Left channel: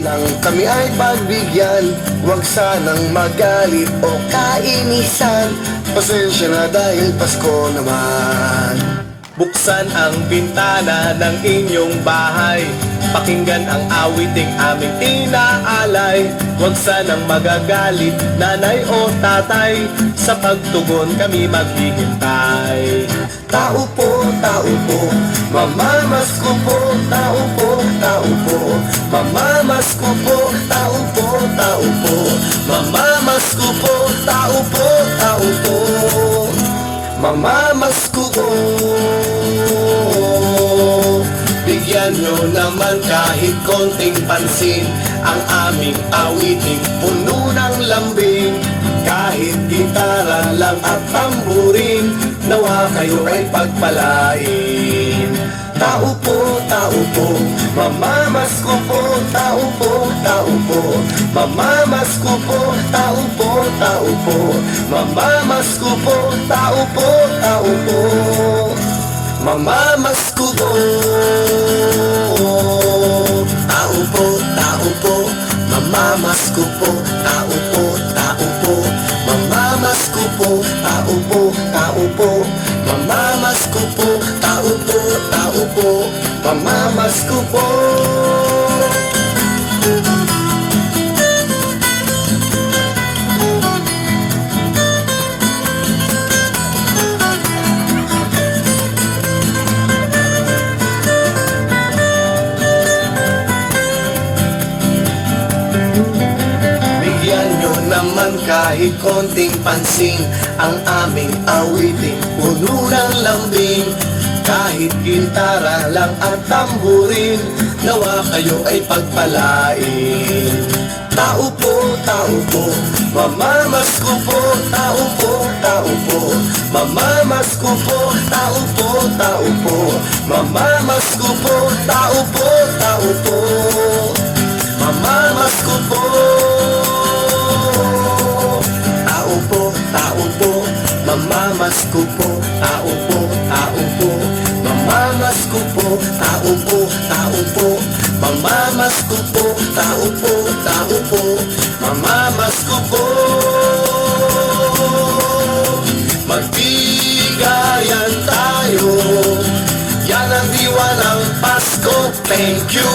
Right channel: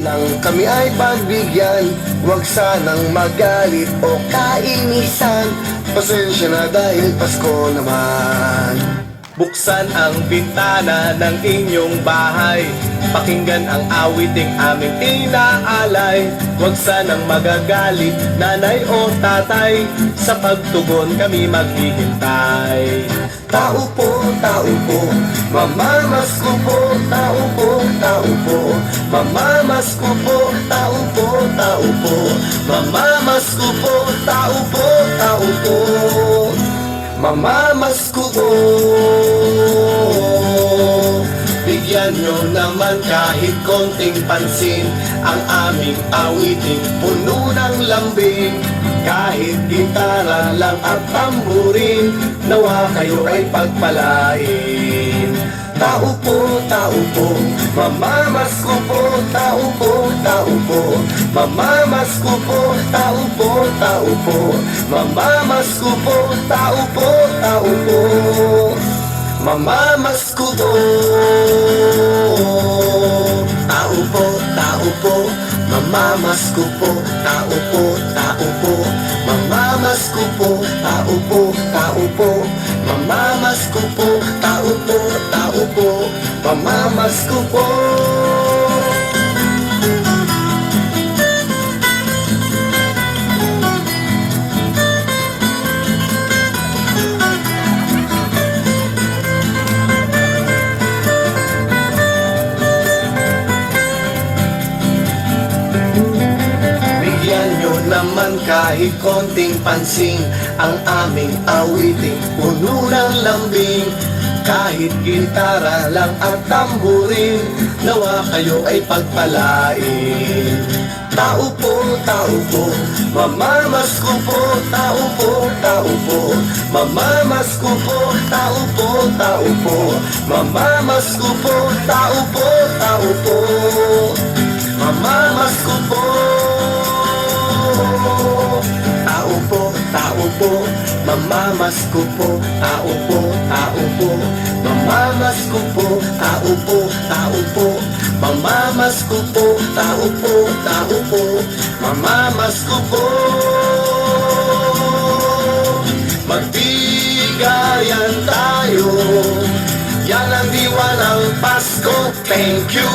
lang kami ay pagbigyan, huwag sanang magalit o kainisan. Pasensya na dahil Pasko naman. Buksan ang bintana ng inyong bahay, pakinggan ang awiting aming inaalay. Huwag sanang magagalit, nanay o tatay, sa pagtugon kami maghihintay. Tao po, mamamasko po, tao po, mamamasko po, tao po, mamamasko po, tao po, mamamasko po. Bigyan nyo naman kahit konting pansin ang aming awiting puno ng lambing. Kahit gitara lang at tamburin, nawa kayo ay pagpalain. Tao po, mamamasko po, tao po, mamamasko po, tao po, mamamasko po, tao po, mamamasko po. Tao po, mamamasko po, tao po, mamamasko po, tao po, mamamasko po, tao po, mamamasko po. Naman kahit konting pansin ang aming awiting puno ng lambing. Kahit gitara lang ang tamburin, nawa kayo ay pagpalain. Tao po, mamamasko po, tao po, mamamasko po, tao po, mamamasko po, tao po, mamamasko po. Mamamasko po, tao po, mamamasko po, tao po, mamamasko po, tao po, mamamasko po. Magbigayan tayo, yan ang diwa ng Pasko. Thank you.